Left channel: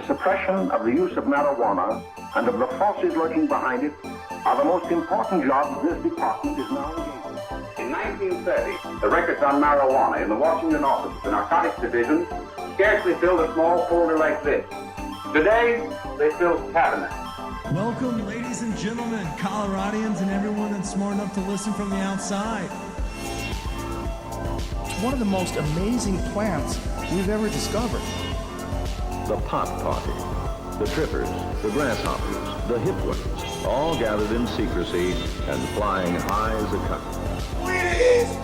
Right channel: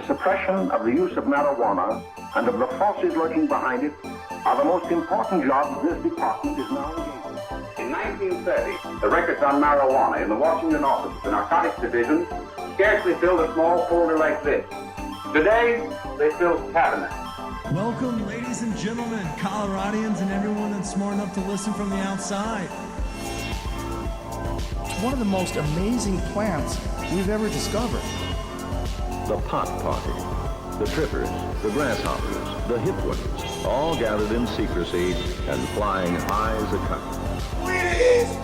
the suppression of the use of marijuana and of the forces lurking behind it are the most important jobs this department is now engaged in. In 1930, the records on marijuana in the Washington office of the Narcotics Division scarcely filled a small folder like this. Today, they fill cabinets. Welcome, ladies and gentlemen, Coloradians and everyone that's smart enough to listen from the outside. One of the most amazing plants we've ever discovered. The pot party, the trippers, the grasshoppers, the hip ones, all gathered in secrecy and flying high as a kite. Ladies!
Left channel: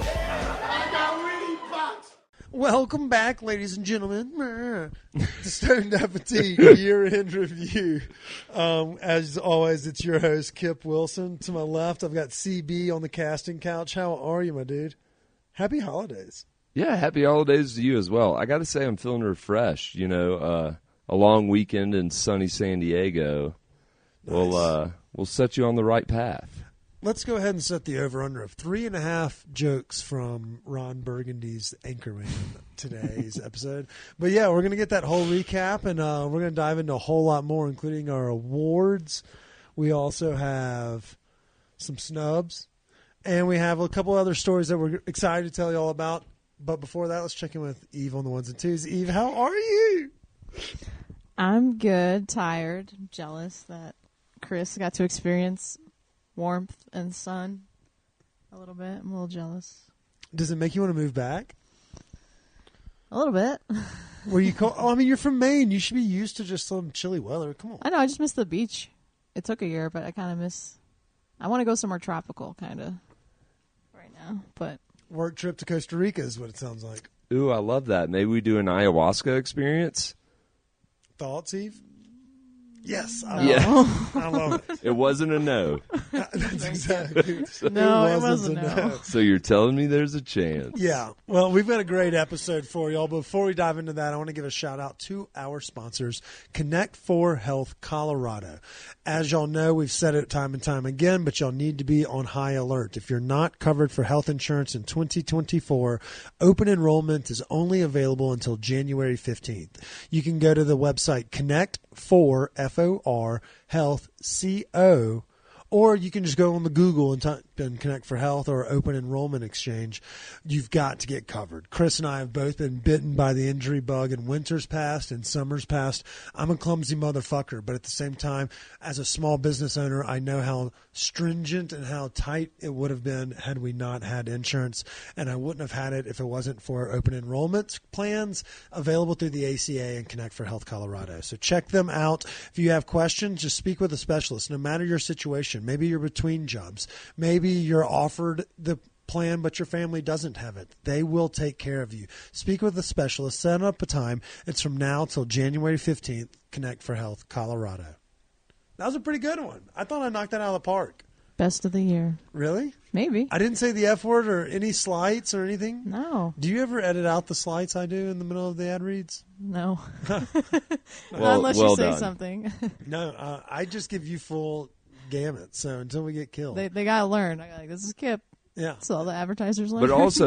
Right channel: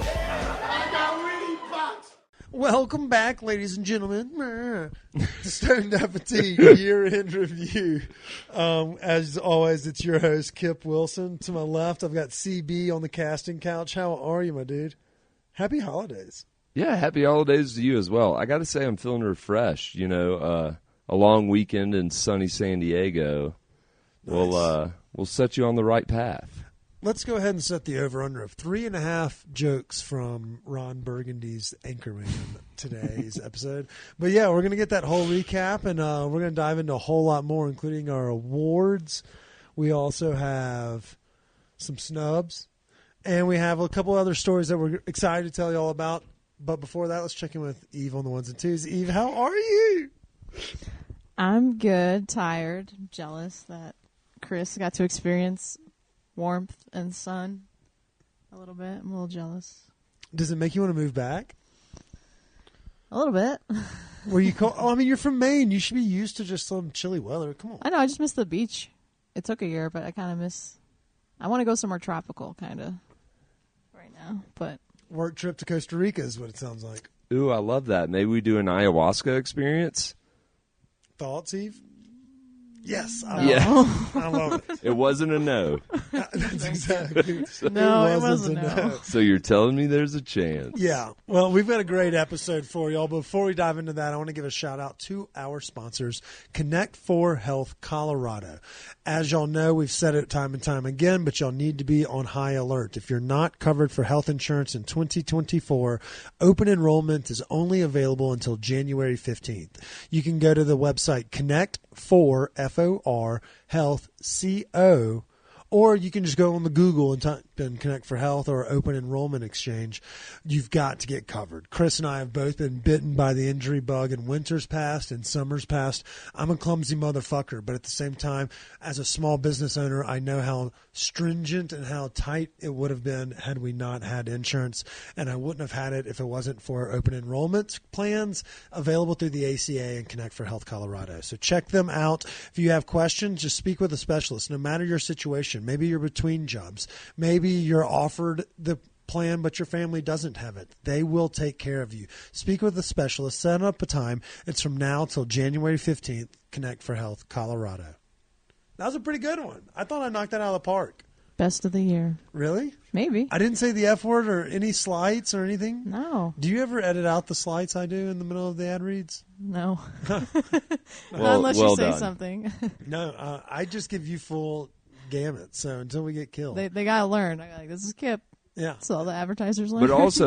I got weed pots! Welcome back, ladies and gentlemen, to Stoned Appetite Year-End Review. As always, it's your host, Kip Wilson. To my left, I've got CB on the casting couch. How are you, my dude? Happy holidays. Yeah, happy holidays to you as well. I got to say, I'm feeling refreshed. You know, a long weekend in sunny San Diego. Nice. We'll set you on the right path. Let's go ahead and set the over-under of 3.5 jokes from Ron Burgundy's Anchorman today's episode. But yeah, we're going to get that whole recap, and we're going to dive into a whole lot more, including our awards. We also have some snubs, and we have a couple other stories that we're excited to tell you all about. But before that, let's check in with Eve on the ones and twos. Eve, how are you? I'm good, tired, jealous that Chris got to experience warmth and sun a little bit. I'm a little jealous. Does it make you want to move back? A little bit. Where you call? Oh, I mean, you're from Maine. You should be used to just some chilly weather. Come on. I know. I just miss the beach. It took a year, but I kind of miss. I want to go somewhere tropical, kind of, right now. But work trip to Costa Rica is what it sounds like. Ooh, I love that. Maybe we do an ayahuasca experience. Thoughts, Eve? Yes, I no. love it. I love it. That's exactly. No, it wasn't. No. Yeah. Well, we've got a great episode for y'all. Before we dive into that, I want to give a shout out to our sponsors, Connect for Health Colorado. As y'all know, we've said it time and time again, but y'all need to be on high alert. If you're not covered for health insurance in 2024, open enrollment is only available until January 15th. You can go to the website Connect for FOR Health CO. Or you can just go on the Google and type in Connect for Health or Open Enrollment Exchange. You've got to get covered. Chris and I have both been bitten by the injury bug in winters past and summers past. I'm a clumsy motherfucker, but at the same time, as a small business owner, I know how stringent and how tight it would have been had we not had insurance, and I wouldn't have had it if it wasn't for open enrollment plans available through the ACA and Connect for Health Colorado. So check them out. If you have questions, just speak with a specialist, no matter your situation. Maybe you're between jobs. Maybe you're offered the plan, but your family doesn't have it. They will take care of you. Speak with a specialist. Set up a time. It's from now till January 15th. Connect for Health Colorado. That was a pretty good one. I thought I knocked that out of the park. Best of the year. Really? Maybe. I didn't say the F word or any slights or anything. No. Do you ever edit out the slights I do in the middle of the ad reads? No. Not unless you say something. No, I just give you full gamut. So until we get killed, They got to learn. I got like, this is Kip. yeah. So all the advertisers learn. Connect for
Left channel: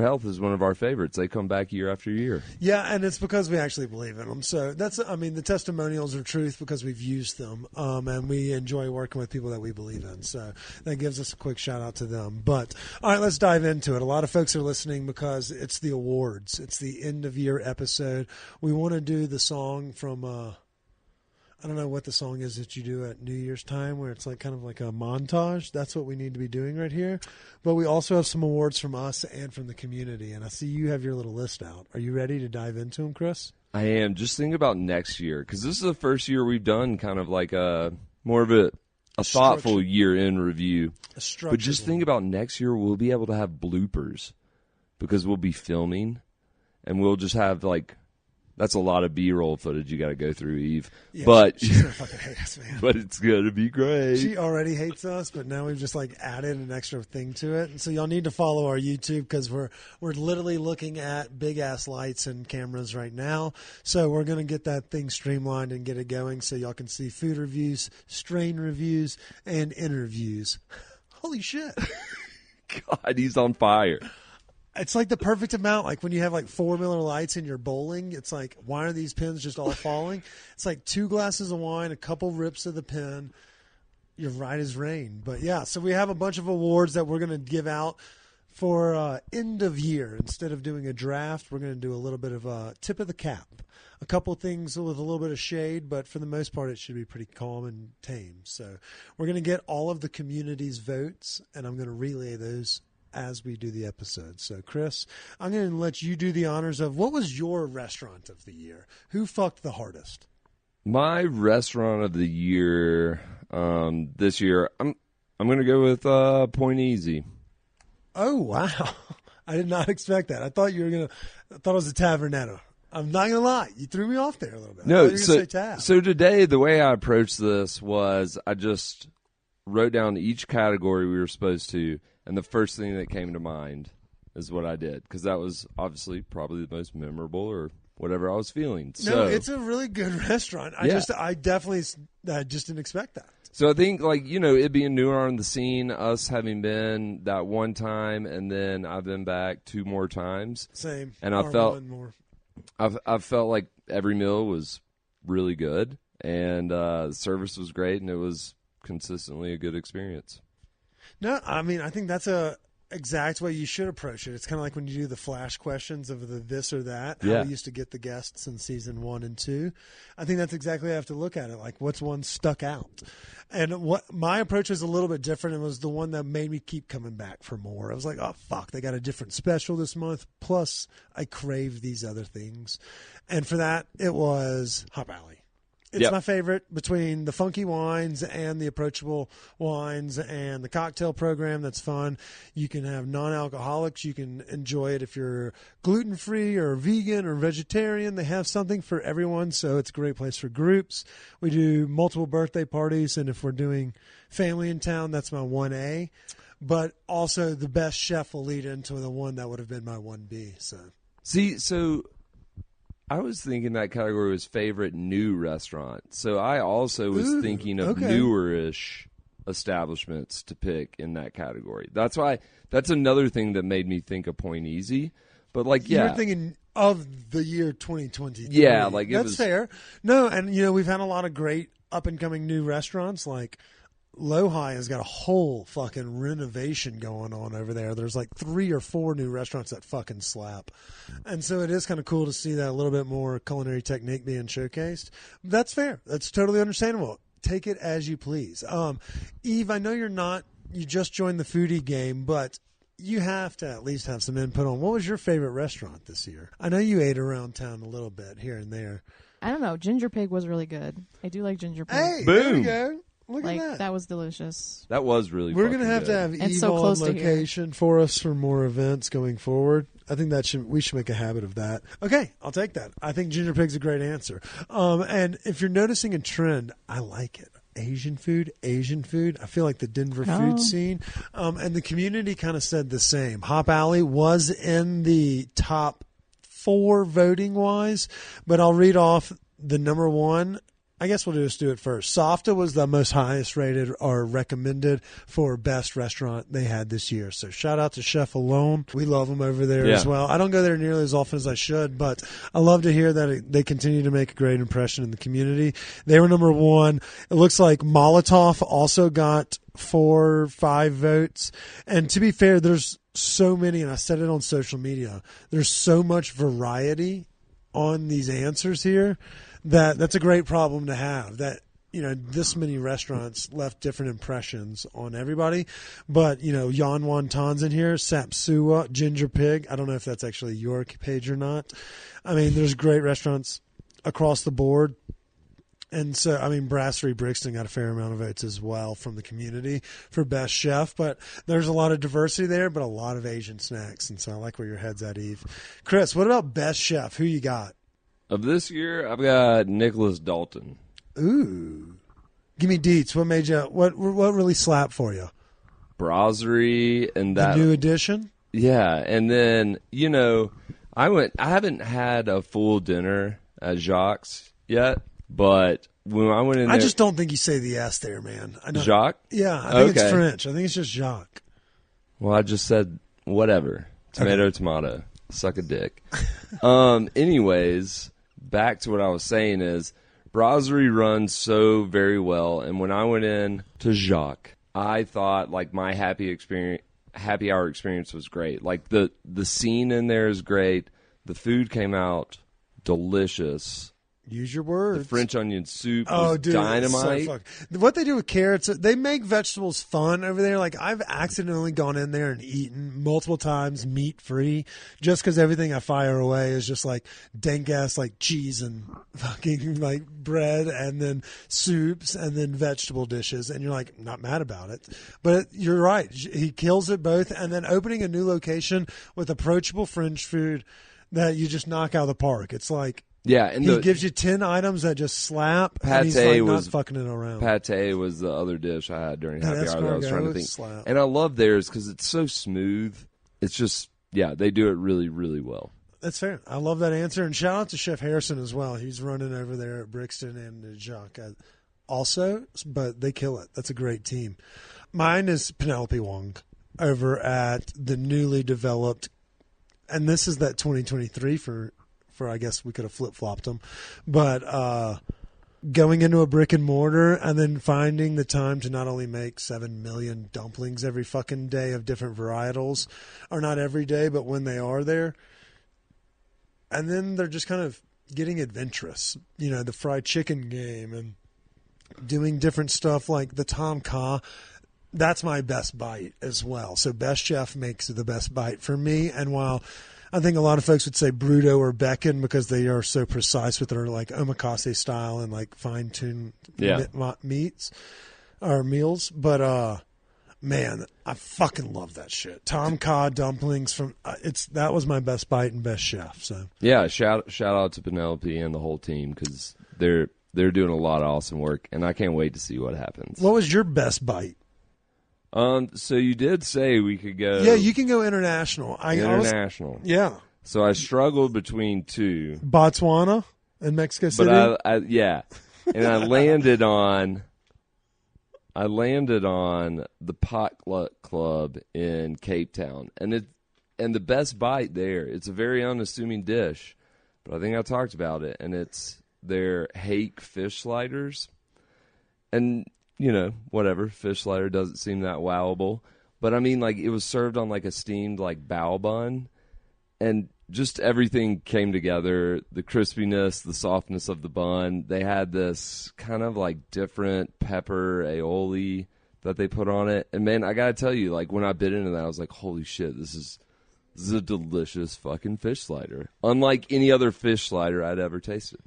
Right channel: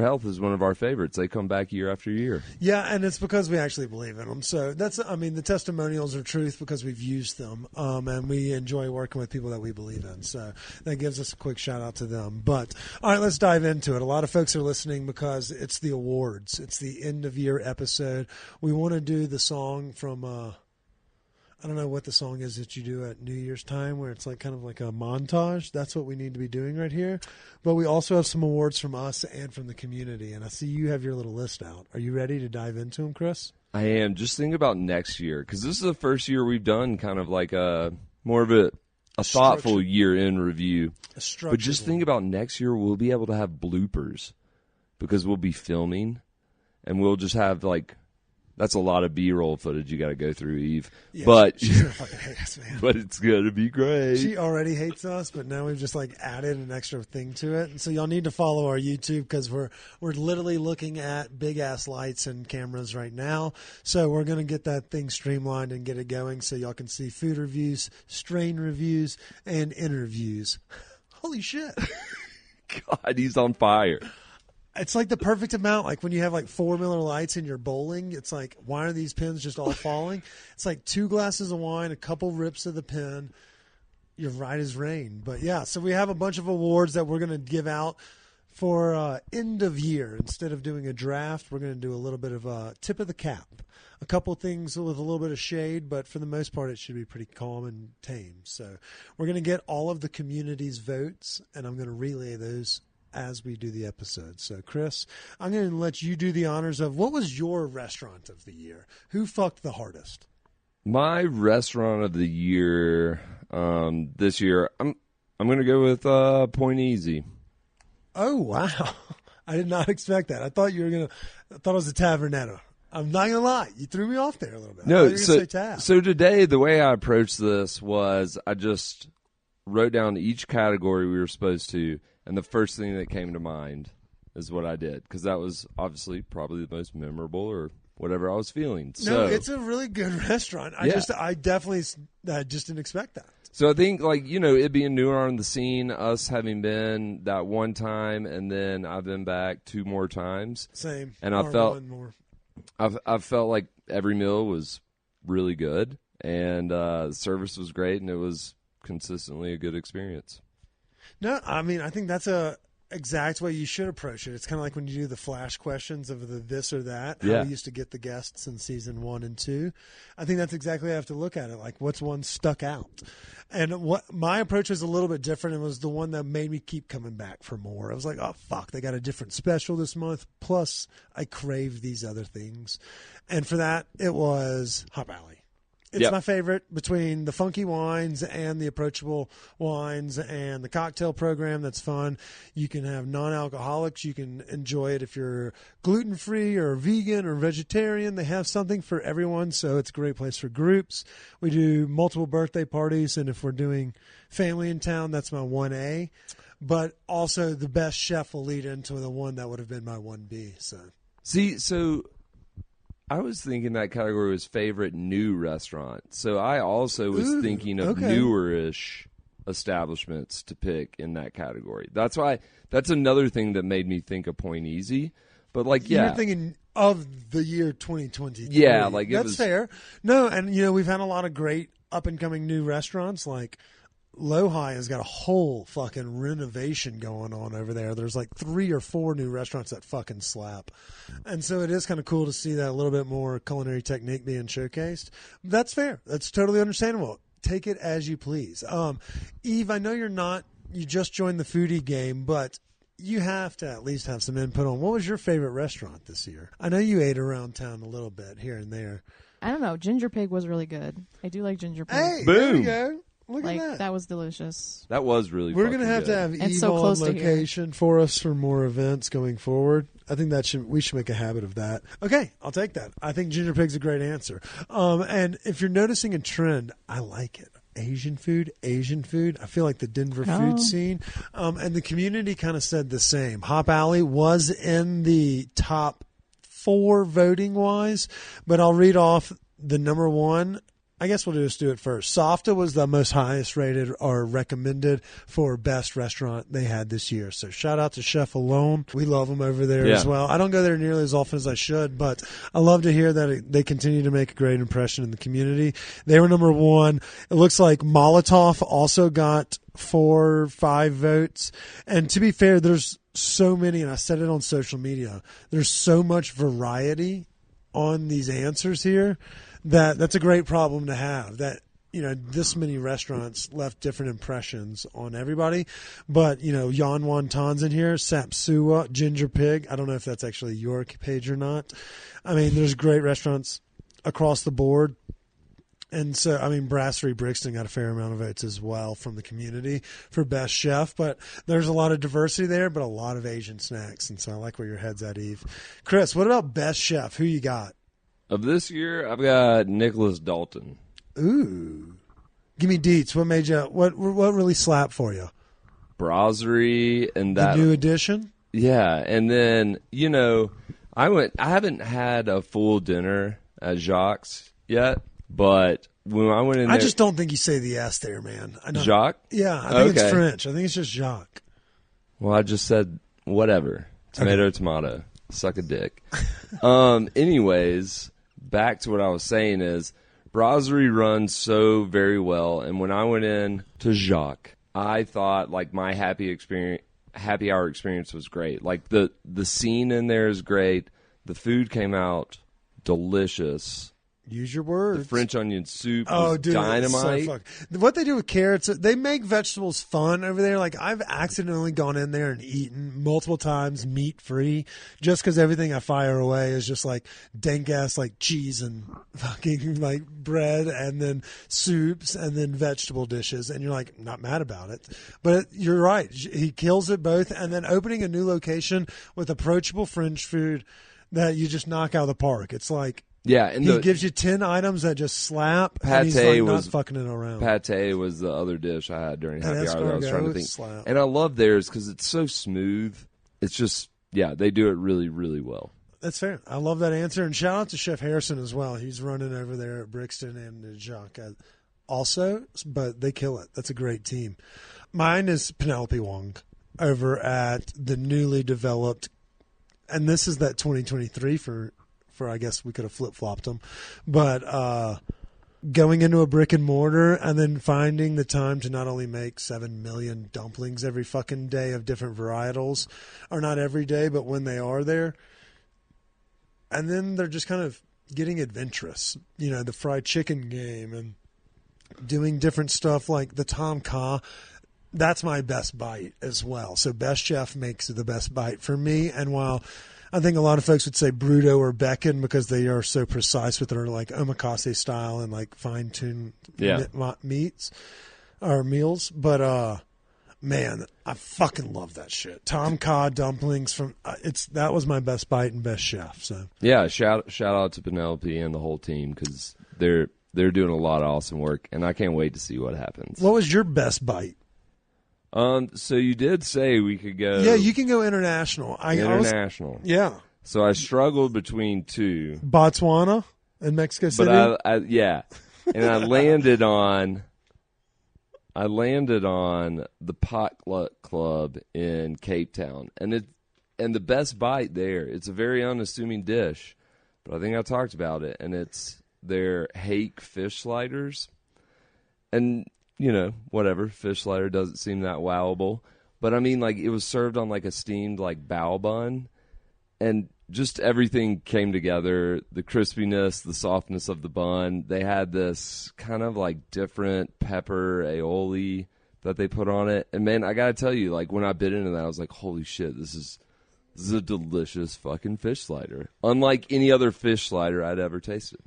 Health is one of our favorites. They come back year after year. Yeah, and it's because we actually believe in them. So that's, I mean, the testimonials are truth because we've used them, and we enjoy working with people that we believe in. So that gives us a quick shout out to them. But all right, let's dive into it. A lot of folks are listening because it's the awards. It's the end of year episode. We want to do the song from. I don't know what the song is that you do at New Year's time where it's like kind of like a montage. That's what we need to be doing right here. But we also have some awards from us and from the community. And I see you have your little list out. Are you ready to dive into them, Chris? I am. Just think about next year, because this is the first year we've done kind of like a structured year-end review. A structured Just one. think about next year, we'll be able to have bloopers because we'll be filming, and we'll just have like, that's a lot of B-roll footage you got to go through. Yeah, she's going to fucking hate us, man. It's going to be great. She already hates us, but now we've just like added an extra thing to it. And so y'all need to follow our YouTube because we're literally looking at big ass lights and cameras right now. So we're going to get that thing streamlined and get it going so y'all can see food reviews, strain reviews, and interviews. Holy shit. God, he's on fire. It's like the perfect amount. Like when you have like 4 Miller Lights in your bowling, it's like, why are these pins just all falling? It's like 2 glasses of wine, a couple rips of the pin. You're right as rain. But yeah, so we have a bunch of awards that we're going to give out for end of year. Instead of doing a draft, we're going to do a little bit of a tip of the cap. A couple things with a little bit of shade, but for the most part, it should be pretty calm and tame. So we're going to get all of the community's votes, and I'm going to relay those as we do the episode. So, Chris, I'm going to let you do the honors of what was your restaurant of the year? Who fucked the hardest? My restaurant of the year this year, I'm going to go with Point Easy. Oh, wow. I did not expect that. I thought you were going to, I thought it was a Tavernetto. I'm not going to lie. You threw me off there a little bit. I thought you were going to say Tav. So today, the way I approached this was I just wrote down each category we were supposed to, and the first thing that came to mind is what I did, because that was obviously probably the most memorable or whatever I was feeling. So, No, it's a really good restaurant. I definitely just didn't expect that. So I think, like, it being newer on the scene, us having been that one time, and then I've been back 2 more times. Same, or one more. I felt like every meal was really good, and the service was great, and it was consistently a good experience. No, I mean, I think that's a exact way you should approach it. It's kind of like when you do the flash questions of the this or that, how we used to get the guests in season 1 and 2. I think that's exactly how you have to look at it. Like, what's one stuck out? And what my approach was a little bit different. It was the one that made me keep coming back for more. I was like, oh, fuck, they got a different special this month. Plus, I craved these other things. And for that, it was Hop Alley. It's my favorite between the funky wines and the approachable wines and the cocktail program. That's fun. You can have non-alcoholics. You can enjoy it if you're gluten-free or vegan or vegetarian. They have something for everyone, so it's a great place for groups. We do multiple birthday parties, and if we're doing family in town, that's my 1A. But also the best chef will lead into the one that would have been my 1B. So I was thinking that category was favorite new restaurant. So I also was Ooh, thinking okay. newer-ish establishments to pick in that category. That's another thing that made me think of Point Easy. You were thinking of the year 2023. Yeah, like That's fair. No, and we've had a lot of great up and coming new restaurants. Like Lohi has got a whole fucking renovation going on over there. There's like 3 or 4 new restaurants that fucking slap. And so it is kind of cool to see that a little bit more culinary technique being showcased. That's fair. That's totally understandable. Take it as you please. Eve, I know you just joined the foodie game, but you have to at least have some input on what was your favorite restaurant this year? I know you ate around town a little bit here and there. I don't know. Ginger Pig was really good. I do like Ginger Pig. Hey, there we go. Look like at that. That was delicious. That was really We're going to have And Eve so on close to here. location for us for more events going forward. I think we should make a habit of that. Okay, I'll take that. I think Ginger Pig's a great answer. And if you're noticing a trend, I like it. Asian food. I feel like the Denver food scene. And the community kind of said the same. Hop Alley was in the top 4 voting wise, but I'll read off the number 1. I guess we'll just do it first. Softa was the most highest rated or recommended for best restaurant they had this year. So shout out to Chef Alone. We love them over there as well. I don't go there nearly as often as I should, but I love to hear that they continue to make a great impression in the community. They were number 1. It looks like Molotov also got 4 or 5 votes. And to be fair, there's so many, and I said it on social media, there's so much variety on these answers here that's a great problem to have, that this many restaurants left different impressions on everybody. But Yan Wonton's in here, Sapsua, Ginger Pig, I don't know if that's actually your page or not. I mean, there's great restaurants across the board. And so, I mean, Brasserie Brixton got a fair amount of votes as well from the community for best chef. But there's a lot of diversity there, but a lot of Asian snacks. And so I like where your head's at, Eve. Chris, what about best chef? Who you got? This year, I've got Nicholas Dalton. Ooh. Give me deets. What made you, what really slapped for you? Brasserie. And The new edition? Yeah, and then, I haven't had a full dinner at Jacques yet, but I just don't think you say the S there, man. I don't. Jacques. Yeah, I think it's French. I think it's just Jacques. Well, I just said whatever. Okay. It's mono. Suck a dick. Anyways, back to what I was saying is, brasserie runs so very well, and when I went in to Shock, I thought like my happy hour experience was great. Like the scene in there is great. The food came out delicious. Use your words. French onion soup. Oh, dude, it's so fuck. What they do with carrots, they make vegetables fun over there. Like, I've accidentally gone in there and eaten multiple times meat free just because everything I fire away is just like dank ass, like cheese and fucking like bread and then soups and then vegetable dishes. And you're like, not mad about it. But you're right. He kills it both. And then opening a new location with approachable French food that you just knock out of the park. It's like, Yeah, he gives you 10 items that just slap, and he's like not fucking it around. That escargot slap. And I love theirs because it's so smooth. It's just, they do it really, really well. That's fair. I love that answer. And shout out to Chef Harrison as well. He's running over there at Brixton and Jacques also, but they kill it. That's a great team. Mine is Penelope Wong over at the newly developed, and this is that 2023 for I guess we could have flip-flopped them, but going into a brick and mortar and then finding the time to not only make 7 million dumplings every fucking day of different varietals, or not every day, but when they are there. And then they're just kind of getting adventurous, you know, the fried chicken game and doing different stuff like the Tom Kha. That's my best bite as well. So Best Chef makes the best bite for me. And while I think a lot of folks would say Bruto or Becken because they are so precise with their like omakase style and like fine-tuned meats or meals. But, man, I fucking love that shit. Tom Kha dumplings from that was my best bite and Best Chef. So yeah, shout out to Penelope and the whole team because they're doing a lot of awesome work, and I can't wait to see what happens. What was your best bite? So you did say we could go. Yeah, you can go international. I was. Yeah. So I struggled between two. Botswana and Mexico City? Yeah. I landed on the Potluck Club in Cape Town. And the best bite there, it's a very unassuming dish. I think I talked about it, and it's their hake fish sliders. And, you know, whatever, fish slider doesn't seem that wowable. But, I mean, like, it was served on, like, a steamed, like, bao bun. And just everything came together, the crispiness, the softness of the bun. They had this kind of like different pepper aioli that they put on it. And then I gotta tell you, like when I bit into that, I was like, holy shit, this is a delicious fucking fish slider. Unlike any other fish slider I'd ever tasted.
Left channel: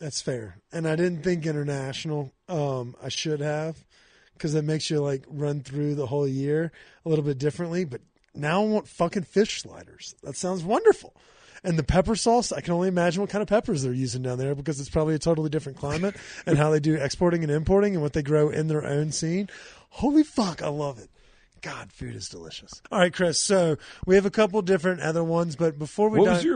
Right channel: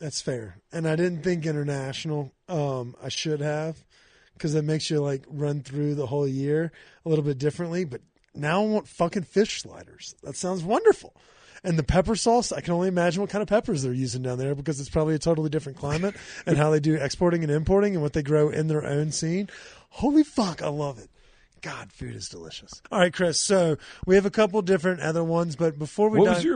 That's fair. And I didn't think international. I should have, because it makes you like run through the whole year a little bit differently. But now I want fucking fish sliders. That sounds wonderful. And the pepper sauce, I can only imagine what kind of peppers they're using down there because it's probably a totally different climate and how they do exporting and importing and what they grow in their own scene. Holy fuck, I love it. God, food is delicious. All right, Chris, so we have a couple different other ones, but before we dive...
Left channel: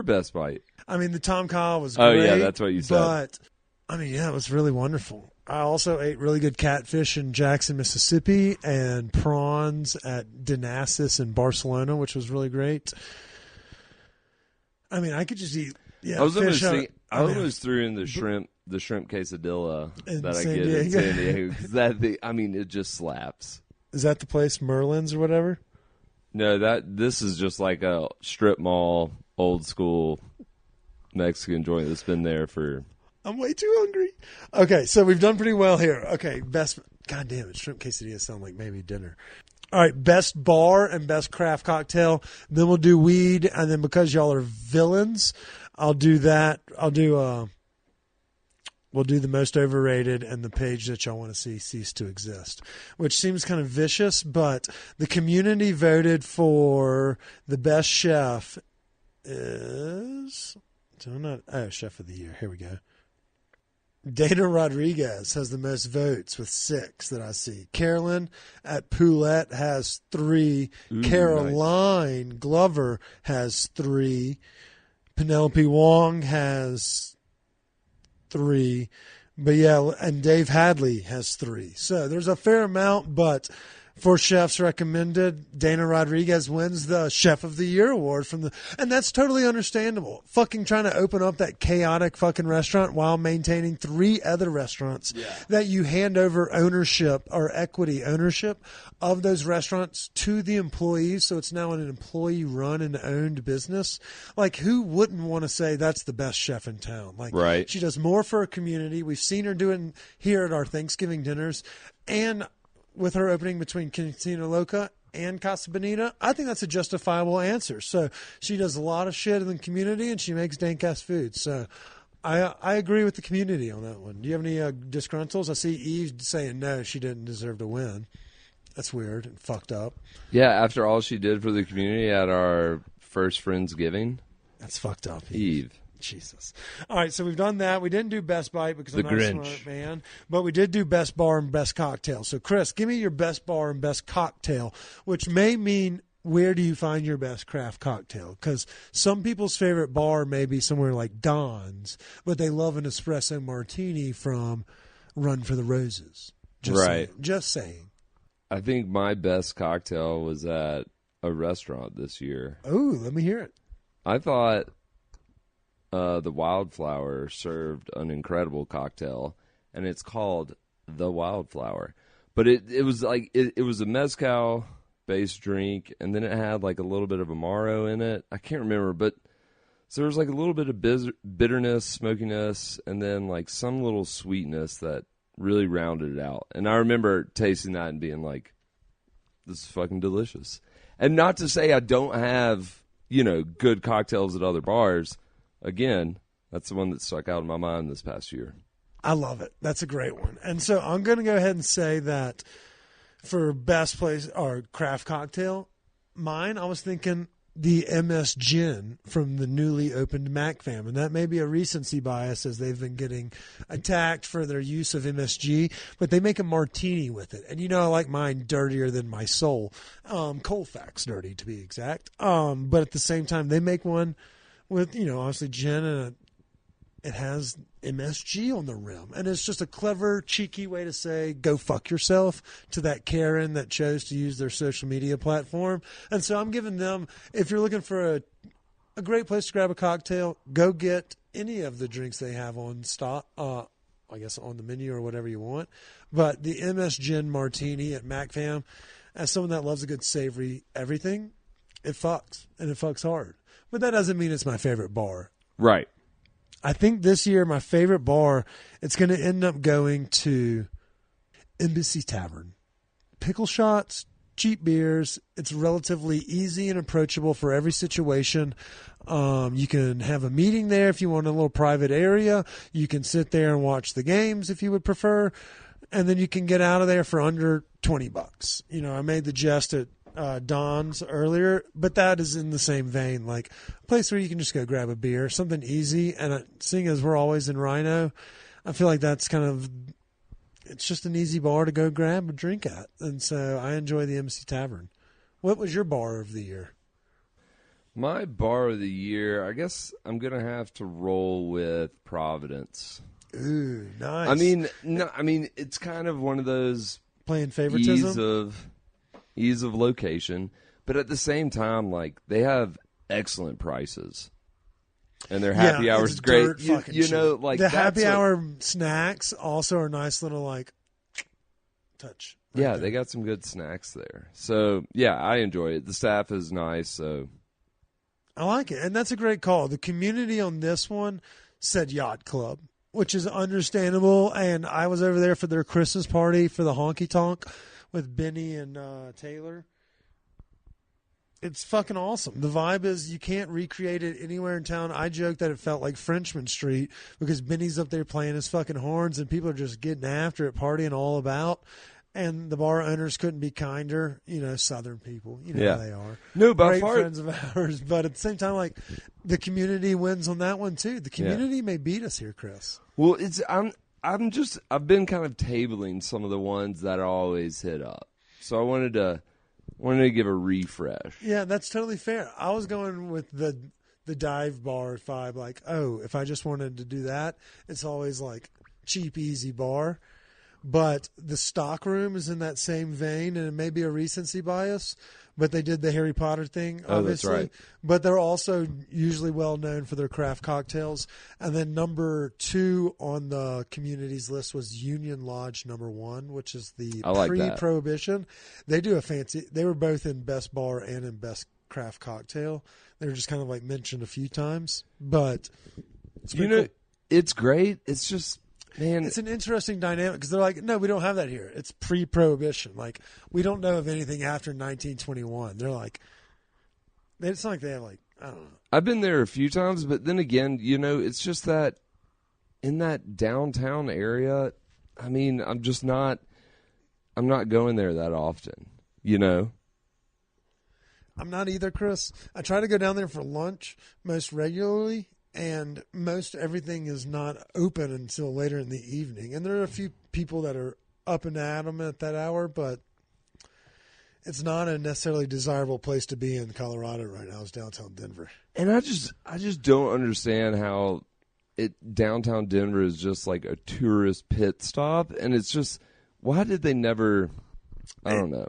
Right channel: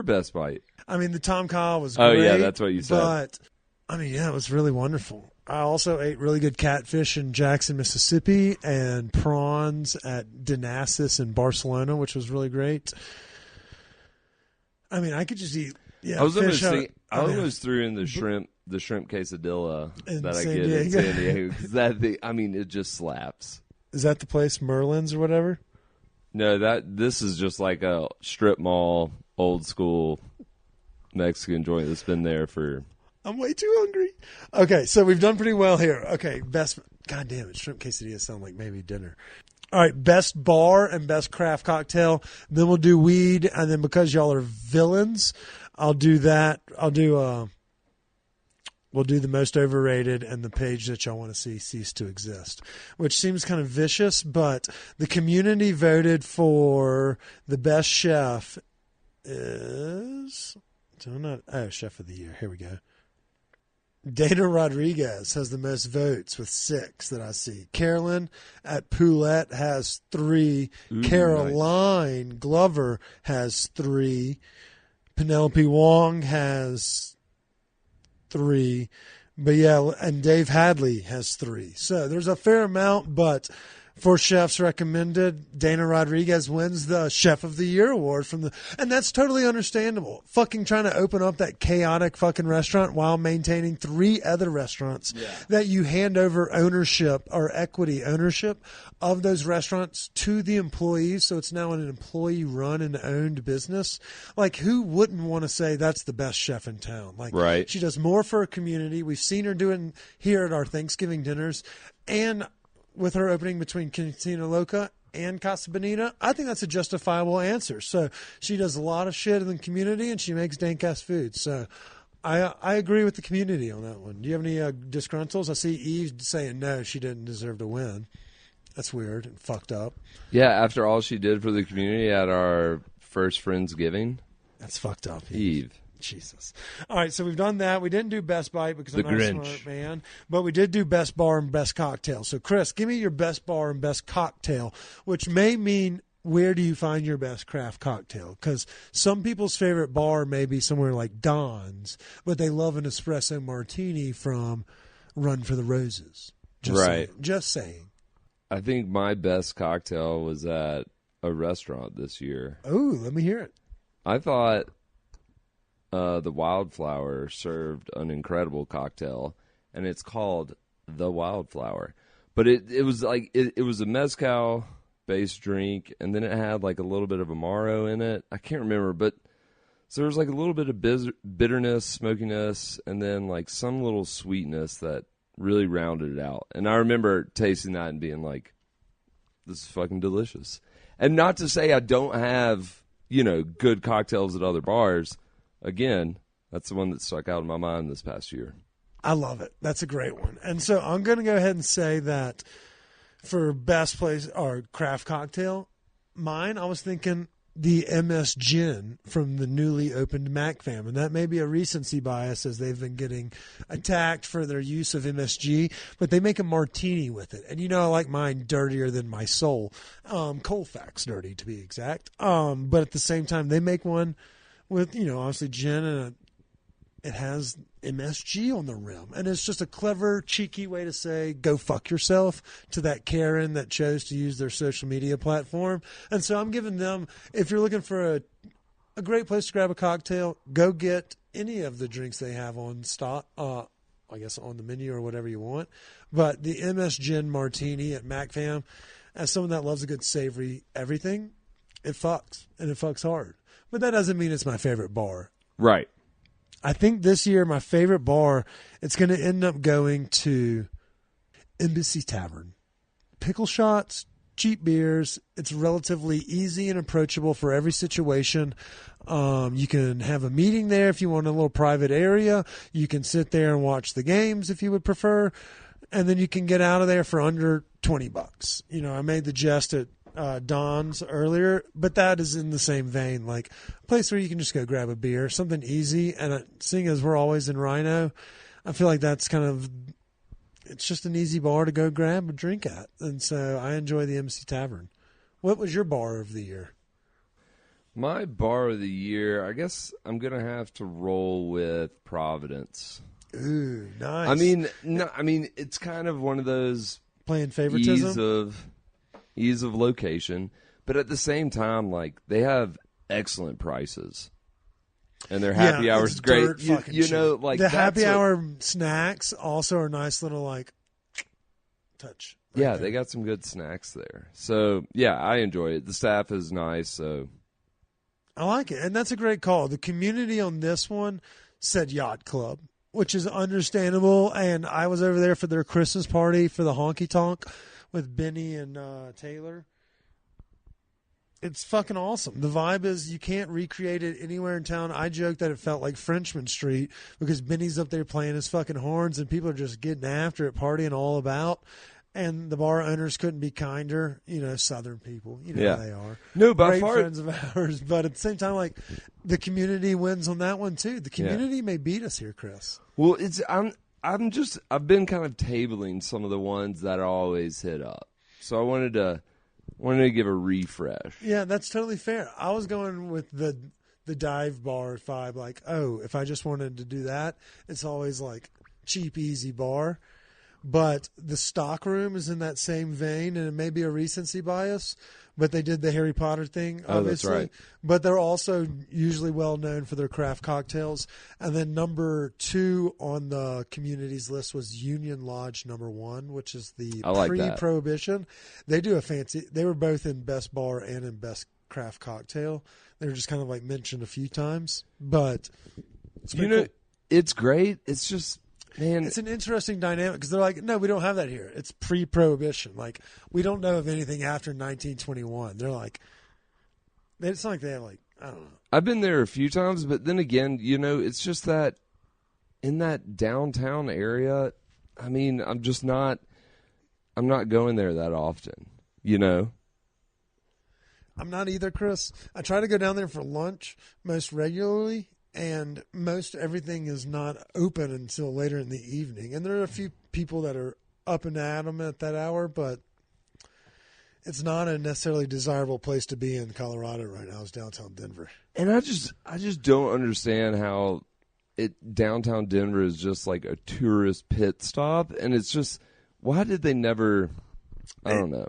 I mean, the Tom Kha was great, but, I mean, yeah, it was really wonderful. I also ate really good catfish in Jackson, Mississippi, and prawns at Dinasis in Barcelona, which was really great. I mean, I could just eat, fish out. I mean, the shrimp quesadilla in San Diego. I mean, it just slaps. Is that the place, Merlin's or whatever? No, this is just like a strip mall, old school Mexican joint. It's been there for... I'm way too hungry. Okay, so we've done pretty well here. Okay, best... God damn it, shrimp quesadillas sound like maybe dinner. All right, best bar and best craft cocktail. Then we'll do weed, and then because y'all are villains, I'll do that. We'll do the most overrated and the page that y'all want to see cease to exist, which seems kind of vicious, but the community voted for the best chef is... Chef of the Year. Here we go. Dana Rodriguez has the most votes with 6 that I see. Carolyn at Poulette has 3. Caroline Glover has 3. Penelope Wong has 3. But yeah, and Dave Hadley has 3. So there's a fair amount, but For chefs recommended, Dana Rodriguez wins the Chef of the Year award and that's totally understandable. Fucking trying to open up that chaotic fucking restaurant while maintaining 3 other restaurants that you hand over ownership or equity ownership of those restaurants to the employees. So it's now an employee run and owned business. Like, who wouldn't want to say that's the best chef in town? Like, she does more for her community. We've seen her doing here at our Thanksgiving dinners, and with her opening between Cantina Loca and Casa Bonita, I think that's a justifiable answer. So she does a lot of shit in the community, and she makes dank-ass food. So I agree with the community on that one. Do you have any disgruntles? I see Eve saying no, she didn't deserve to win. That's weird and fucked up. Yeah, after all she did for the community at our first Friendsgiving. That's fucked up, Eve. Jesus. All right, so we've done that. We didn't do Best Bite because I'm not a smart man, but we did do Best Bar and Best Cocktail. So, Chris, give me your Best Bar and Best Cocktail, which may mean where do you find your best craft cocktail? Because some people's favorite bar may be somewhere like Don's, but they love an espresso martini from Run for the Roses. Just saying. Just saying. I think my best cocktail was at a restaurant this year. Oh, let me hear it. I thought the Wildflower served an incredible cocktail, and it's called the Wildflower. But it was like, it was a mezcal-based drink, and then it had like a little bit of Amaro in it. I can't remember, but so there was like a little bit of bitterness, smokiness, and then like some little sweetness that really rounded it out. And I remember tasting that and being like, this is fucking delicious. And not to say I don't have, good cocktails at other bars. Again, that's the one that stuck out in my mind this past year. I love it. That's a great one. And so I'm going to go ahead and say that for best place or craft cocktail, mine, I was thinking the MS Gin from the newly opened Mac Fam. And that may be a recency bias as they've been getting attacked for their use of MSG, but they make a martini with it. And I like mine dirtier than my soul. Colfax dirty to be exact. But at the same time, they make one with, obviously gin and it has MSG on the rim. And it's just a clever, cheeky way to say, go fuck yourself to that Karen that chose to use their social media platform. And so I'm giving them, if you're looking for a great place to grab a cocktail, go get any of the drinks they have on stock, I guess on the menu or whatever you want. But the MS Gin Martini at MacFam, as someone that loves a good savory everything, it fucks, and it fucks hard. But that doesn't mean it's my favorite bar. Right. I think this year my favorite bar, it's going to end up going to Embassy Tavern. Pickle shots, cheap beers. It's relatively easy and approachable for every situation. You can have a meeting there if you want a little private area. You can sit there and watch the games if you would prefer. And then you can get out of there for under $20. I made the jest at Don's earlier, but that is in the same vein, like a place where you can just go grab a beer, something easy. And seeing as we're always in Rhino, I feel like that's it's just an easy bar to go grab a drink at. And so I enjoy the MC Tavern. What was your bar of the year? My bar of the year, I guess I'm going to have to roll with Providence. Ooh, nice. I mean, it's kind of one of those playing favoritism. Ease of location, but at the same time, like, they have excellent prices. Yeah, it's dirt fucking cheap. The happy hour snacks also are nice little touch right there. They got some good snacks there. So yeah, I enjoy it. The staff is nice. So I like it, and that's a great call. The community on this one said Yacht Club, which is understandable. And I was over there for their Christmas party for the honky tonk with Benny and Taylor. It's fucking awesome. The vibe is you can't recreate it anywhere in town. I joke that it felt like Frenchman Street because Benny's up there playing his fucking horns and people are just getting after it, partying all about. And the bar owners couldn't be kinder. Southern people, how they are. Great friends of ours. But at the same time, the community wins on that one too. The community may beat us here, Chris. Well, I've been kind of tabling some of the ones that I always hit up. So I wanted to give a refresh. Yeah, that's totally fair. I was going with the dive bar vibe. If I just wanted to do that, it's always cheap, easy bar. But the stock room is in that same vein, and it may be a recency bias, but they did the Harry Potter thing, obviously. But they're also usually well known for their craft cocktails. And then number 2 on the community's list was Union Lodge number 1, which is the pre-prohibition. They do a fancy. They were both in Best Bar and in Best Craft Cocktail. They were just kind of like mentioned a few times, but it's pretty cool. It's great. It's just. It's an interesting dynamic because they're like, no, we don't have that here. It's pre-prohibition. Like, we don't know of anything after 1921. They're like, it's not like they have like, I don't know. I've been there a few times, but then again, it's just that in that downtown area, I mean, I'm not going there that often, I'm not either, Chris. I try to go down there for lunch most regularly, and most everything is not open until later in the evening. And there are a few people that are up and at 'em at that hour, but it's not a necessarily desirable place to be in Colorado right now. It's downtown Denver. And I just don't understand how downtown Denver is just like a tourist pit stop, and it's just, why did they never...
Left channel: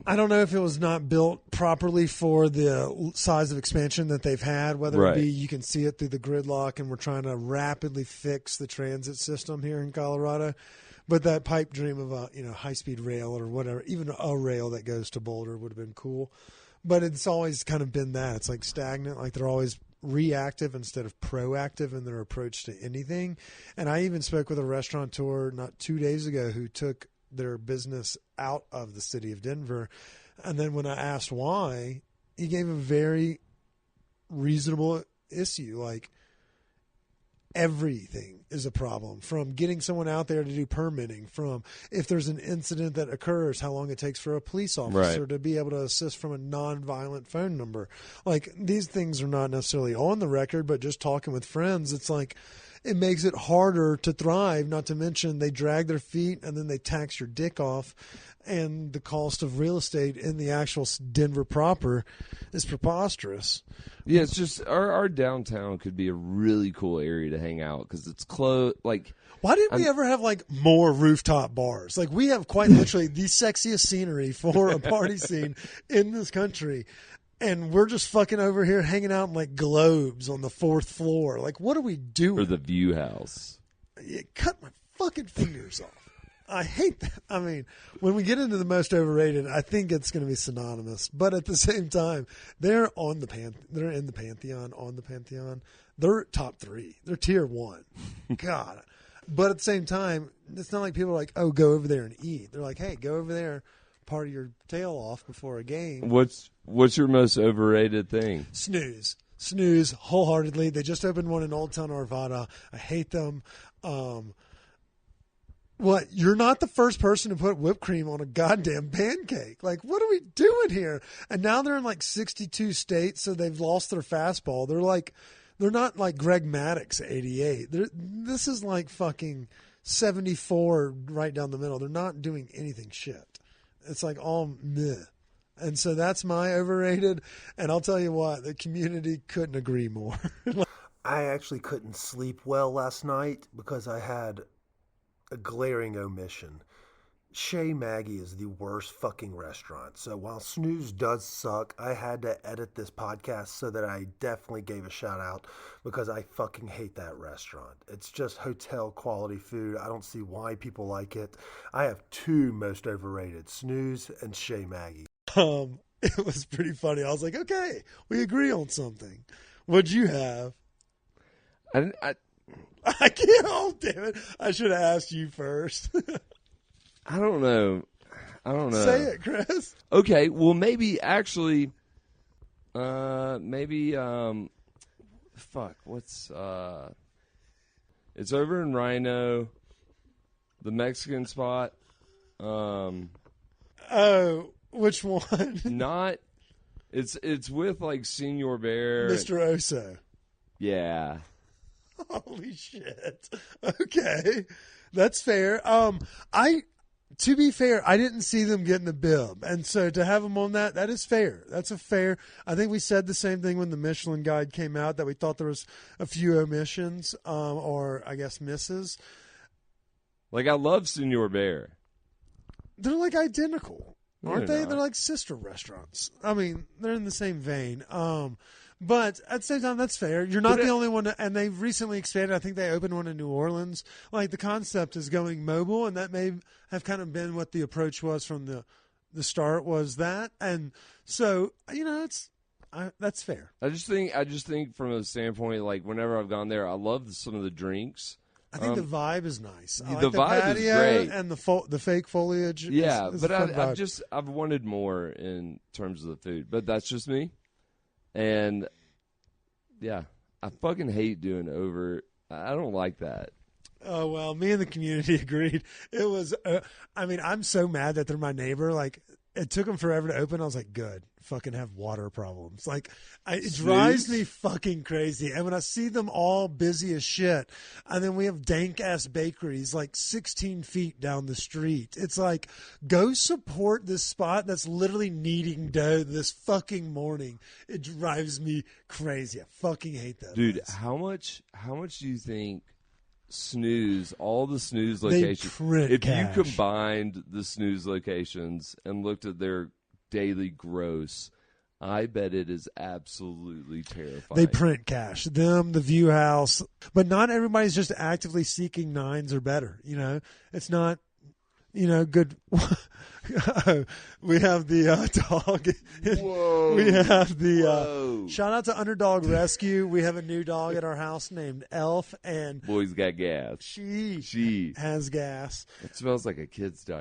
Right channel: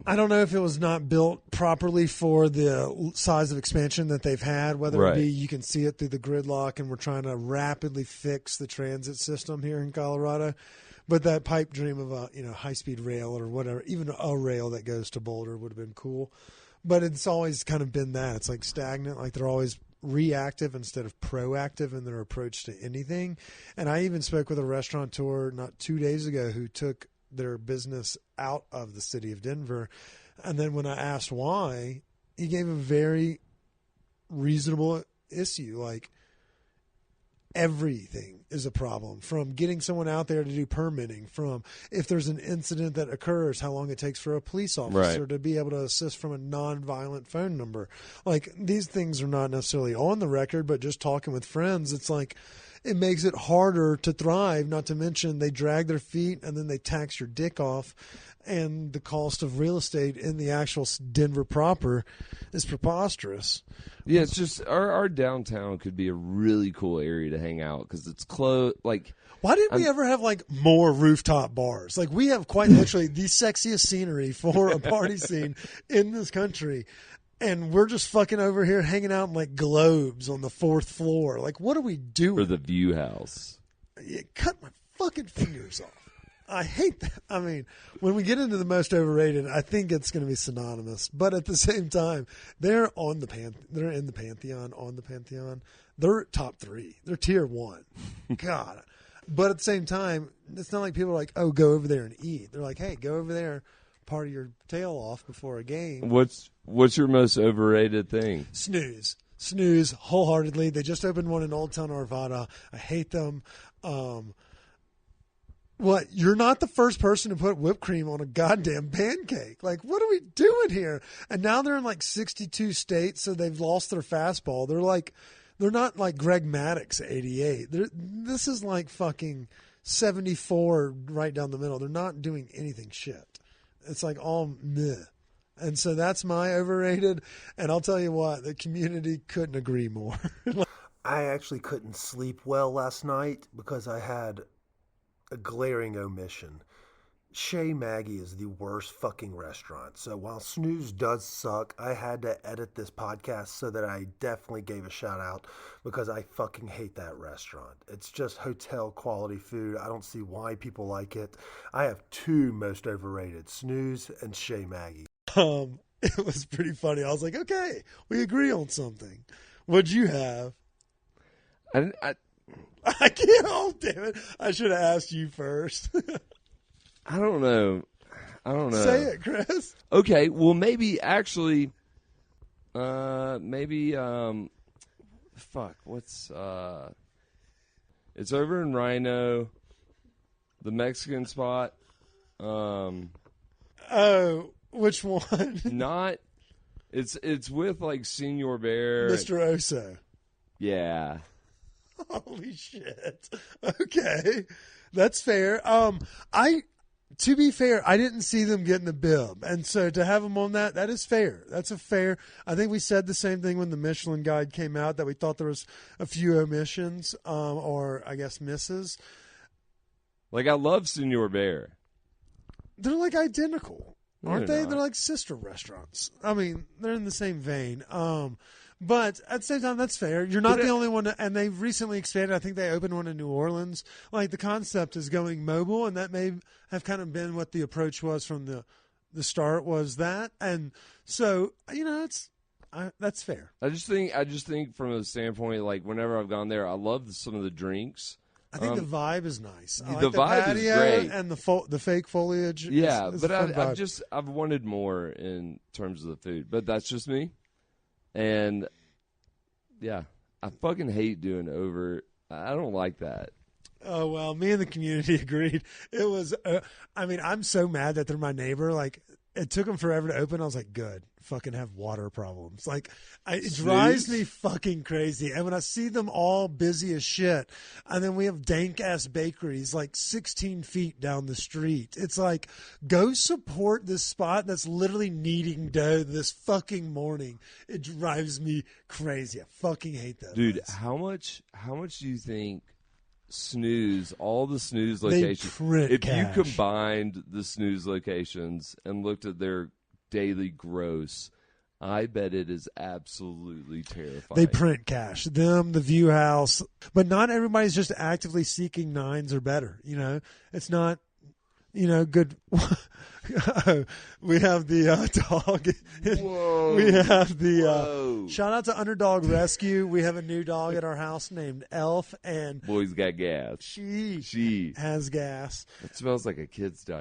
I don't know if it was not built properly for the size of expansion that they've had, whether it be you can see it through the gridlock and we're trying to rapidly fix the transit system here in Colorado. But that pipe dream of a high-speed rail or whatever, even a rail that goes to Boulder would have been cool. But it's always kind of been that. It's like stagnant, like they're always reactive instead of proactive in their approach to anything. And I even spoke with a restaurateur not 2 days ago who took their business out of the city of Denver. And then when I asked why, he gave a very reasonable issue. Like, everything is a problem, from getting someone out there to do permitting, from if there's an incident that occurs, how long it takes for a police officer to be able to assist from a non-violent phone number. Like, these things are not necessarily on the record, but just talking with friends, it's like, it makes it harder to thrive, not to mention they drag their feet and then they tax your dick off. And the cost of real estate in the actual Denver proper is preposterous. Yeah, it's just, our downtown could be a really cool area to hang out because it's close. Like, why didn't we ever have like more rooftop bars? Like, we have quite literally the sexiest scenery for a party scene in this country. And we're just fucking over here hanging out in like globes on the 4th floor. Like, what are we doing? You cut my fucking fingers off. I hate that. I mean, when we get into the most overrated, I think it's going to be synonymous. But at the same time, they're in the pantheon. On the pantheon, they're top 3. They're tier 1. God. But at the same time, it's not like people are like, "Oh, go over there and eat." They're like, "Hey, go over there, party your tail off before a game." What's your most overrated thing? Snooze wholeheartedly. They just opened one in Old Town Arvada. I hate them. What? You're not the first person to put whipped cream on a goddamn pancake. Like, what are we doing here? And now they're in like 62 states, so they've lost their fastball. They're not like Greg Maddux 88. This is like fucking 74 right down the middle. They're not doing anything shit. It's like all meh. And so that's my overrated. And I'll tell you what, the community couldn't agree more. I actually couldn't sleep well last night because I had a glaring omission. Chez Maggie is the worst fucking restaurant. So while Snooze does suck, I had to edit this podcast so that I definitely gave a shout out because I fucking hate that restaurant. It's just hotel quality food. I don't see why people like it. I have 2 most overrated, Snooze and Chez Maggie. It was pretty funny. I was like, okay, we agree on something. What'd you have? I can't. Oh, damn it. I should have asked you first. I don't know. Say it, Chris. Okay, well, maybe actually, it's over in Rhino, the Mexican spot. Oh, which one? It's with like Senor Bear. Mr. Oso. Yeah. Holy shit. Okay. That's fair. To be fair, I didn't see them getting the bib. And so to have them on that is fair. That's a fair. I think we said the same thing when the Michelin Guide came out, that we thought there was a few omissions, or I guess misses. Like, I love Senor Bear. they're like identical, aren't they? They're like sister restaurants. I mean, they're in the same vein. But at the same time, that's fair. You're not the only one, and they've recently expanded. I think they opened one in New Orleans. Like, the concept is going mobile, and that may have kind of been what the approach was from the start, was that. And so, you know, that's fair. I just think from a standpoint, like, whenever I've gone there, I love some of the drinks. I think the vibe is nice. I like the patio, and the fake foliage is a fun vibe. I've wanted more in terms of the food, but that's just me. And yeah, I fucking hate doing over. I don't like that. Oh, well, me and the community agreed. It was, I mean, I'm so mad that they're my neighbor. Like, it took them forever to open. I was like, good. Fucking have water problems. Like, it drives me fucking crazy. And when I see them all busy as shit, and then we have dank ass bakeries like 16 feet down the street, it's like, go support this spot that's literally kneading dough this fucking morning. It drives me crazy. I fucking hate that place. How much do you think snooze, all the snooze They locations, print cash. combined the snooze locations and looked at their daily gross, I bet it is absolutely They print cash. Them, the View House. But not everybody's just actively seeking nines or better. You know, it's not, you know, good. We have the dog. We have the shout out to Underdog Rescue. We have a new dog at our house named Elf, and always got gas. she has gas. It smells like a kid's diaper.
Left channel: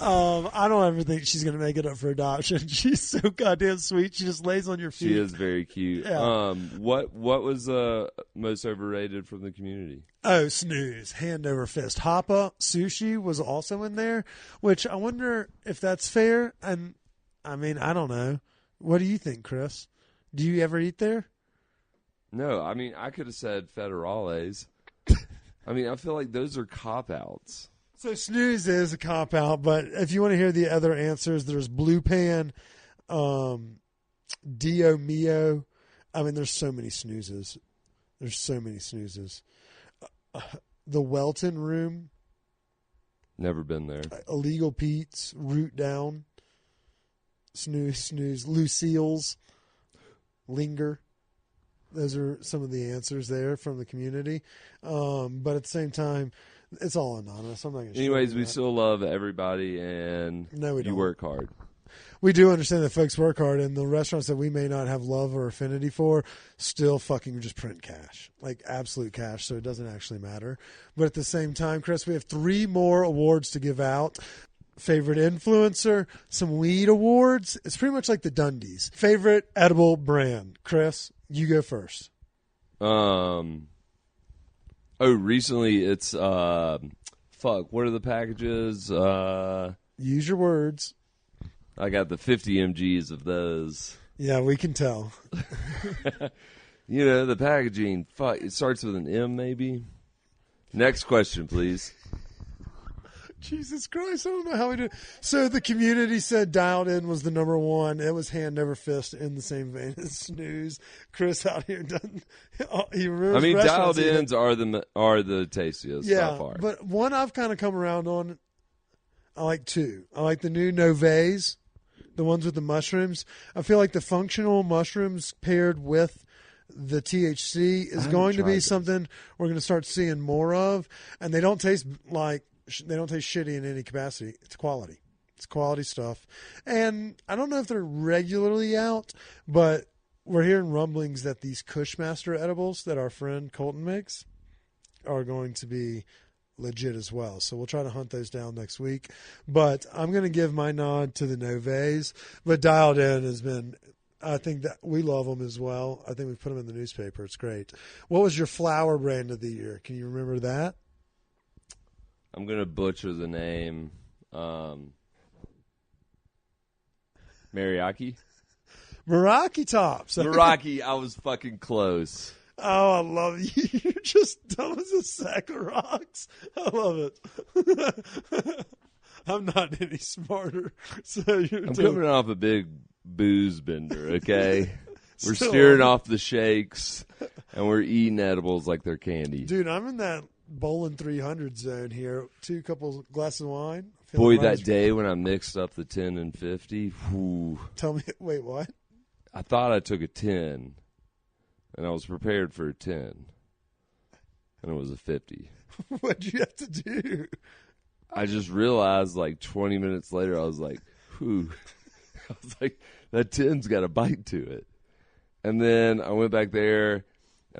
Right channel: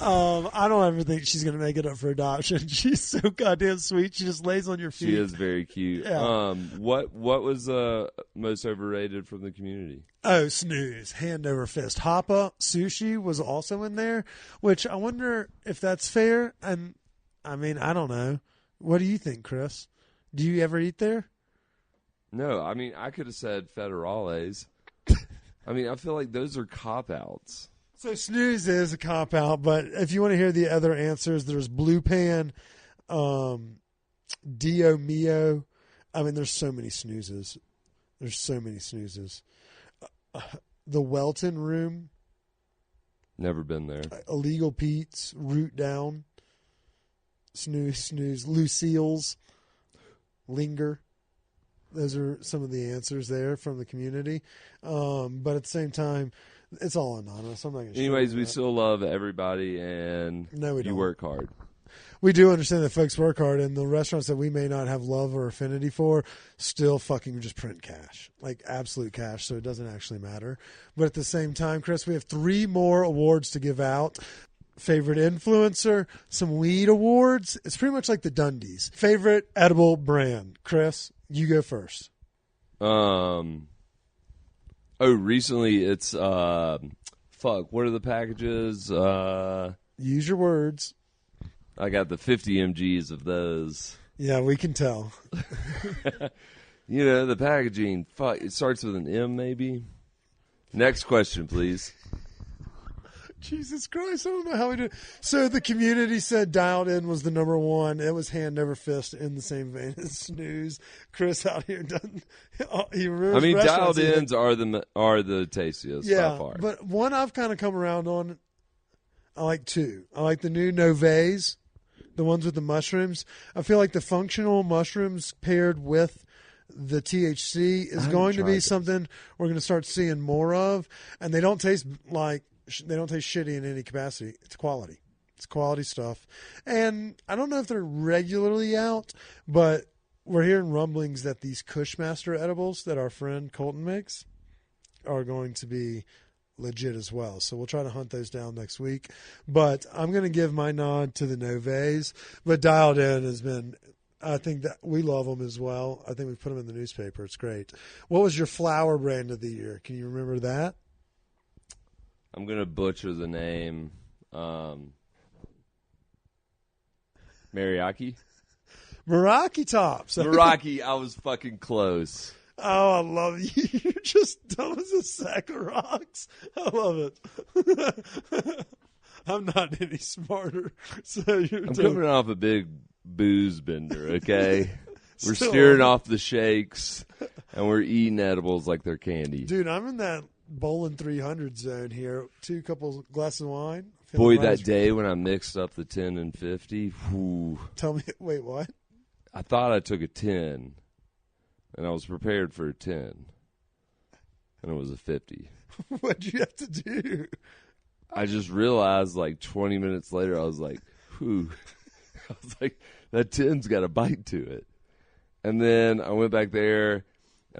I don't ever think she's gonna make it up for adoption. She's so goddamn sweet. She just lays on your feet. Very cute. Yeah. What was most overrated from the community? Oh, snooze. Hand over fist. Hapa Sushi was also in there, which I wonder if that's fair. And I mean, I don't know. What do you think, Chris? Do you ever eat there? No, I mean, I could have said federales. I mean, I feel like those are cop-outs. So snooze is a cop out, but if you want to hear the other answers, there's Blue Pan, Dio Mio. I mean, there's so many snoozes. There's so many snoozes. The Welton Room, Illegal Pete's, Root Down, Snooze, Lucille's, Linger. Those are some of the answers there from the community. But at the same time, it's all anonymous. I'm not going to show you We that. still love everybody and No, we don't. work hard. We do understand that folks work hard, and the restaurants that we may not have love or affinity for still fucking just print cash, like absolute cash, so it doesn't actually matter. But at the same time, Chris, we have 3 more awards to give out. Favorite influencer, some weed awards. It's pretty much like the Dundies. Favorite edible brand. Chris, you go first. Recently it's, what are the packages? Use your words. I got the 50 mgs of those. Yeah, we can tell. Yeah, the packaging, it starts with an M maybe. Next question, please. Jesus Christ, I don't know how we do. So the community said Dialed In was the number one. It was hand over fist in the same vein as Snooze. Chris out here doesn't. He remembers restaurants he hit. Are the tastiest. Yeah, but one I've kind of come around on. I like 2. I like the new Noves, the ones with the mushrooms. I feel like the functional mushrooms paired with the THC is going to be something we're going to start seeing more of. And they don't taste shitty in any capacity. It's quality. It's quality stuff. And I don't know if they're regularly out, but we're hearing rumblings that these Cushmaster edibles that our friend Colton makes are going to be legit as well. So we'll try to hunt those down next week. But I'm going to give my nod to the Noves. But Dialed In has been, I think that we love them as well. I think we put them in the newspaper. It's great. What was your flower brand of the year? Can you remember that? I'm going to butcher the name. Meraki Tops. Rocky, I was fucking close. Oh, I love you. You're just dumb as a sack of rocks. I love it. I'm not any smarter. So you're totally. Off a big booze bin. Still. Off the shakes. And we're eating edibles like they're candy. Dude, I'm in that bowling 300 zone here. Two couple glasses of wine. Feeling right as. Day when I mixed up the 10 and 50. Tell me, wait, what? I thought I took a 10. And I was prepared for a 10. And it was a 50. What'd you have to do? I just realized like 20 minutes later, I was like, that 10's got a bite to it. And then I went back there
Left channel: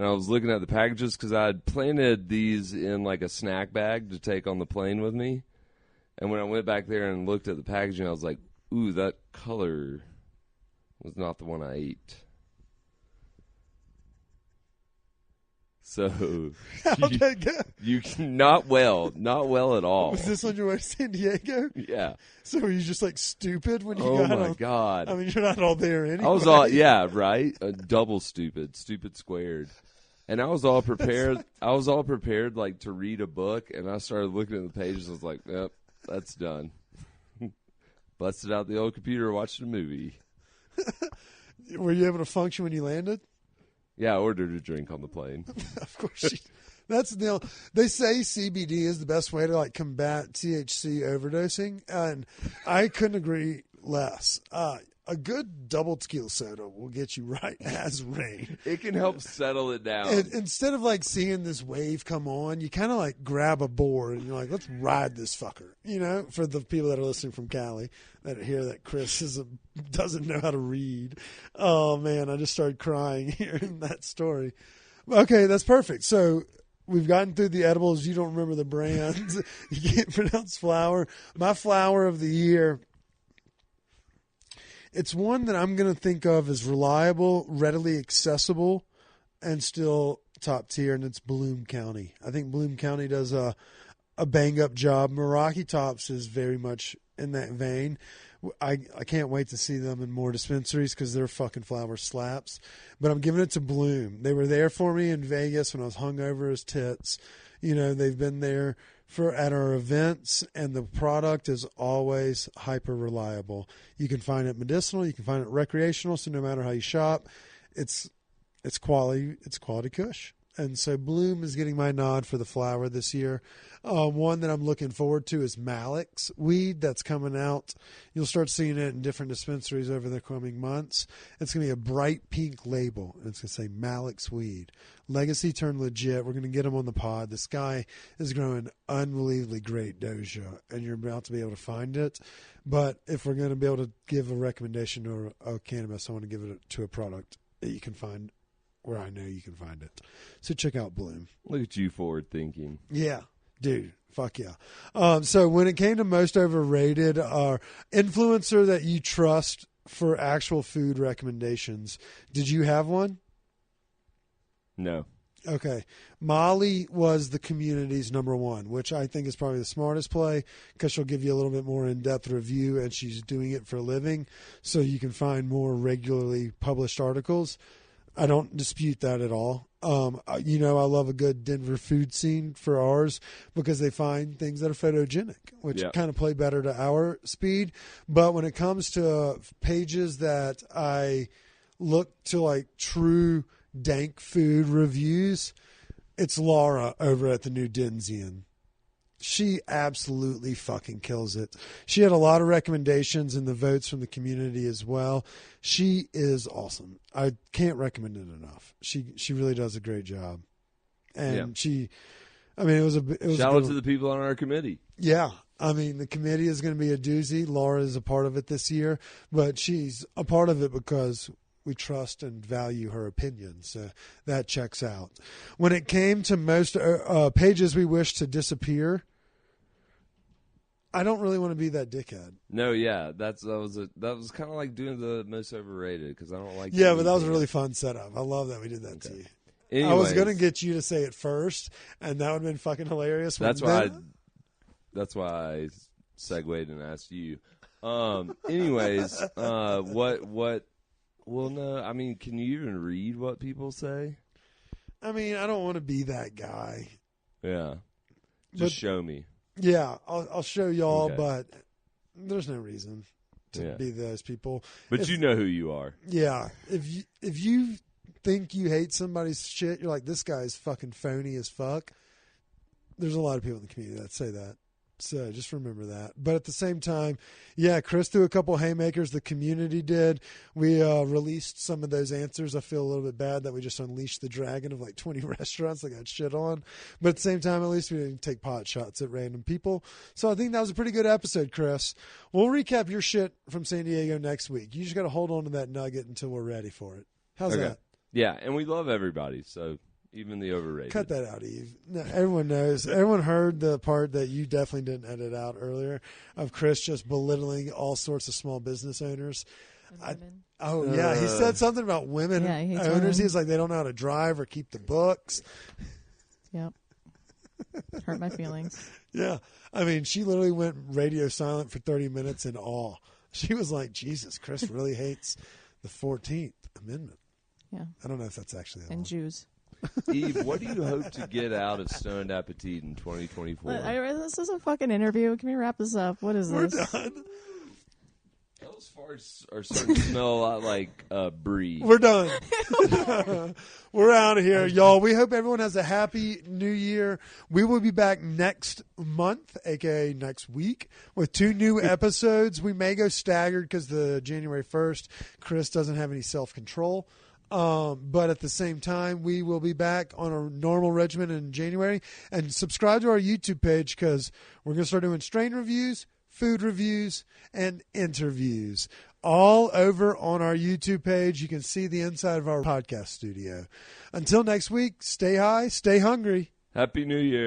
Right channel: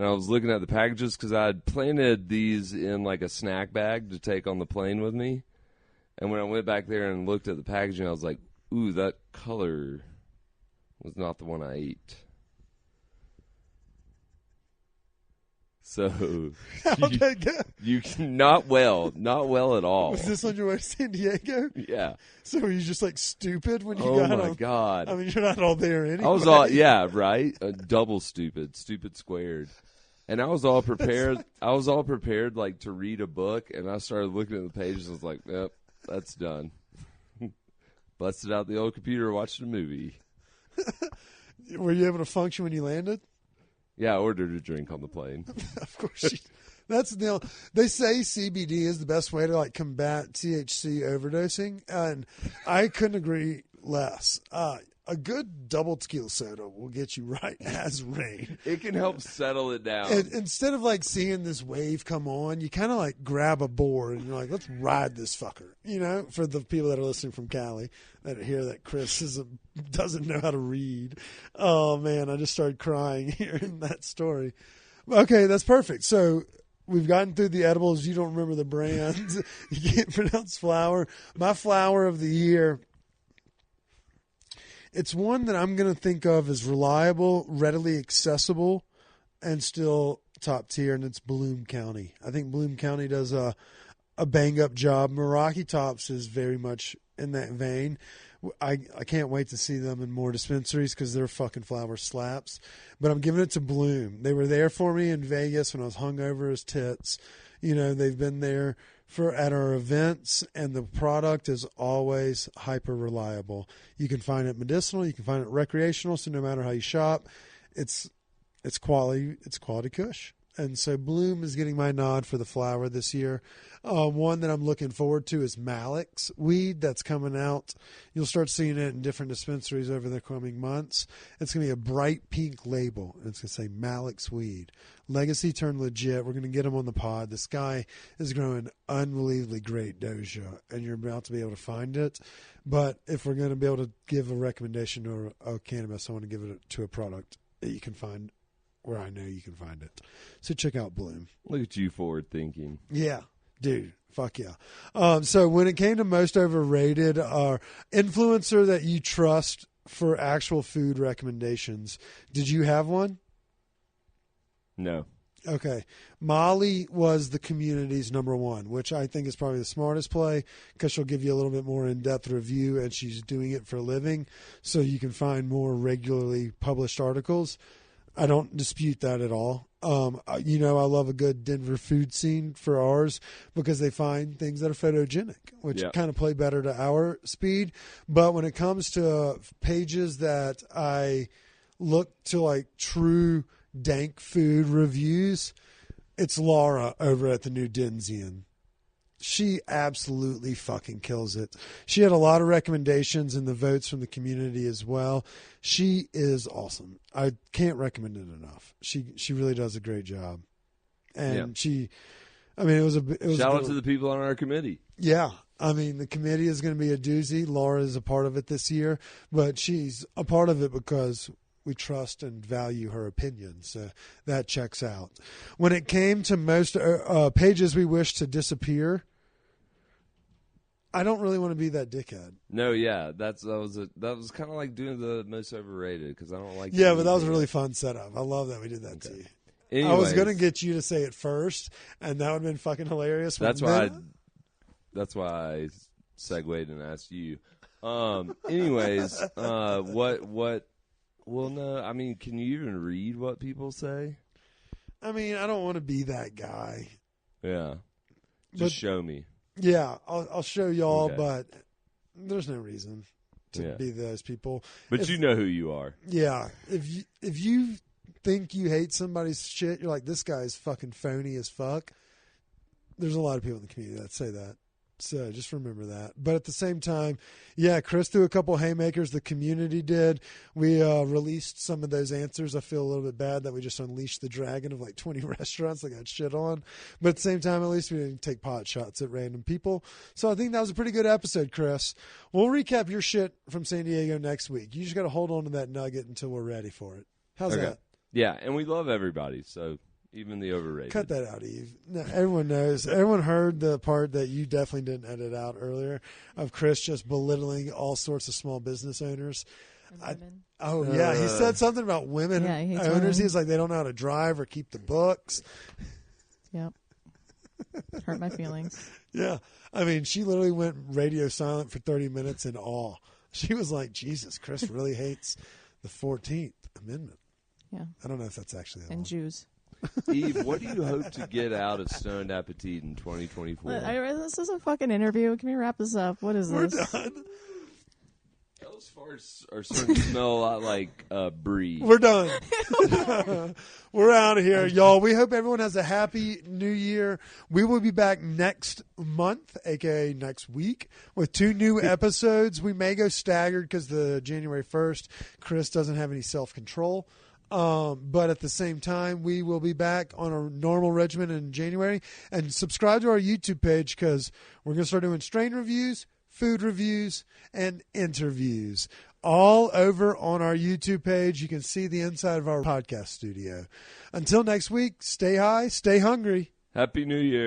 and I was looking at the packages because I had planted these in like a snack bag to take on the plane with me. And when I went back there and looked at the packaging, I was like, ooh, that color is not the one I ate. So, How'd that go? not well at all. Was this on your way to San Diego? Yeah. So were you just like stupid when you got on? I mean, you're not all there anyway. Yeah, right. A couple stupid squares. And I was all prepared. Like to read a book, and I started looking at the pages like, oh, that's done. Let's sit out the old computer and watch the movie. Were you able to function when you landed? Yeah, I ordered a drink on the plane. Of course. That's the deal. They say CBD is the best way to like combat THC overdosing, and I couldn't agree less. A good double tequila soda will get you right as rain. It can help settle it down. And instead of like seeing this wave come on, you kind of like grab a board and you're like, let's ride this fucker. You know, for the people that are listening from Cali that hear that Chris doesn't know how to read. Oh man, I just started crying hearing that story. Okay, that's perfect. So we've gotten through the edibles. You don't remember the brands. You can't pronounce flower. My flower of the year. It's one that I'm going to think of as reliable, readily accessible, and still top tier, and it's Bloom County. I think Bloom County does a bang-up job. Meraki Tops is very much in that vein. I can't wait to see them in more dispensaries because their fucking flower slaps. But I'm giving it to Bloom. They were there for me in Vegas when I was hungover as tits. You know, they've been there at our events, and the product is always hyper reliable. You can find it medicinal, you can find it recreational, so no matter how you shop, it's quality kush. And so Bloom is getting my nod for the flower this year. One that I'm looking forward to is Malik's weed that's coming out. You'll start seeing it in different dispensaries over the coming months. It's going to be a bright pink label, and it's going to say Malik's weed. Legacy turned legit. We're going to get him on the pod. This guy is growing unbelievably great doja, and you're about to be able to find it. But if we're going to be able to give a recommendation to a cannabis, I want to give it to a product that you can find where I know you can find it. So check out Bloom. Look at you forward thinking. Yeah, dude. Fuck yeah. So when it came to most overrated, influencer that you trust for actual food recommendations, did you have one? No. Okay. Molly was the community's number one, which I think is probably the smartest play because she'll give you a little bit more in-depth review, and she's doing it for a living, so you can find more regularly published articles. I don't dispute that at all. You know, I love a good Denver food scene for ours because they find things that are photogenic, which kind of play better to our speed. But when it comes to pages that I look to like true dank food reviews, it's Laura over at the New Denzian. She absolutely fucking kills it. She had a lot of recommendations and the votes from the community as well. She is awesome. I can't recommend it enough. She really does a great job. And it was a good one. Yeah. I mean, the committee is going to be a doozy. Laura is a part of it this year, but she's a part of it because we trust and value her opinion. So that checks out. When it came to most pages we wish to disappear, I don't really want to be that dickhead. No, yeah, that was kind of like doing the Most Overrated. Yeah, but that was a really fun setup. I love that we did that to you. Yeah. I was going to get you to say it first, and that would have been fucking hilarious. That's why I segued and asked you. Anyways, can you even read what people say? I mean, I don't want to be that guy. Yeah. But show me. Yeah, I'll show y'all, but there's no reason to be those people. But you know who you are. Yeah, if you think you hate somebody's shit, you're like, this guy's fucking phony as fuck. There's a lot of people in the community that say that. So just remember that. But at the same time, yeah, Chris threw a couple haymakers. The community did. We released some of those answers. I feel a little bit bad that we just unleashed the dragon of like 20 restaurants that got shit on. But at the same time, at least we didn't take pot shots at random people. So I think that was a pretty good episode, Chris. We'll recap your shit from San Diego next week. You just got to hold on to that nugget until we're ready for it. How's that? Yeah, and we love everybody, so even the overrated. Cut that out, Eve. No, everyone knows. Everyone heard the part that you definitely didn't edit out earlier of Chris just belittling all sorts of small business owners. Oh, yeah. He said something about women owners. Women. He was like, they don't know how to drive or keep the books. Yep. Hurt my feelings. Yeah. I mean, she literally went radio silent for 30 minutes in awe. She was like, Jesus, Chris really hates the 14th Amendment. Yeah. I don't know if that's actually that And long. Jews. Get out of Stone Appetit. This is a fucking interview. Can we wrap this up? What is We're this? done. Those farts are smell like a breed. We're done. We're out of here, y'all. We hope everyone has a happy new year. We will be back next month, aka next week, with 2 new episodes. We may go staggered because the January 1st, Chris doesn't have any self-control. But at the same time, we will be back on a normal regimen in January. And subscribe to our YouTube page because we're going to start doing strain reviews, food reviews, and interviews. All over on our YouTube page. You can see the inside of our podcast studio. Until next week, stay high, stay hungry. Happy New Year.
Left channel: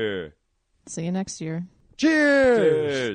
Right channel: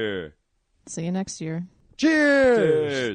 See you next year. Cheers.